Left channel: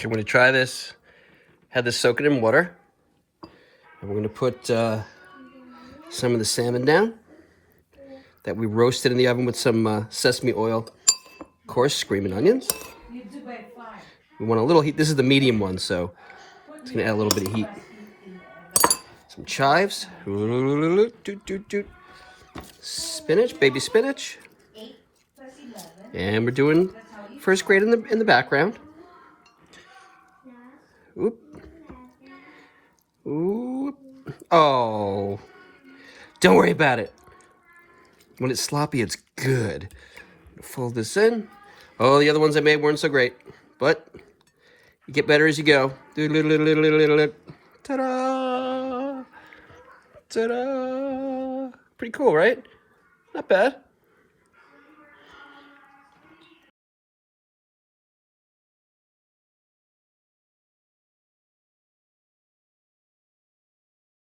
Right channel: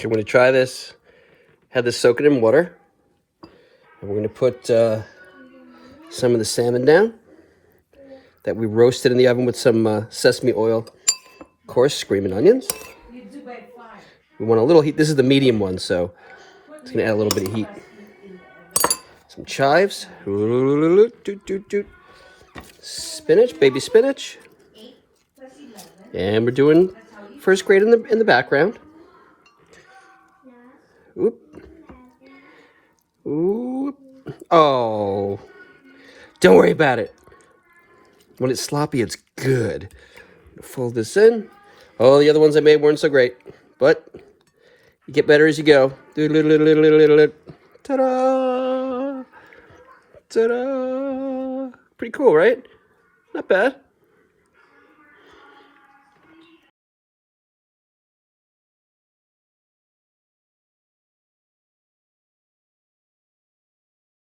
Okay, we're going to try this. Had this soak it in water. And we're going to put some of the salmon down that we roasted in the oven with some sesame oil. Of course, Screamin Onionz. We want a little heat. This is the medium one, so it's going to add a little bit of heat. Some chives. Spinach, baby spinach. And we're doing first grade in the background. Oop. Oop. Oh. Don't worry about it. When it's sloppy, it's good. Fold this in. Oh, the other ones I made weren't so great, but you get better as you go. Ta-da! Ta-da! Pretty cool, right? Not bad.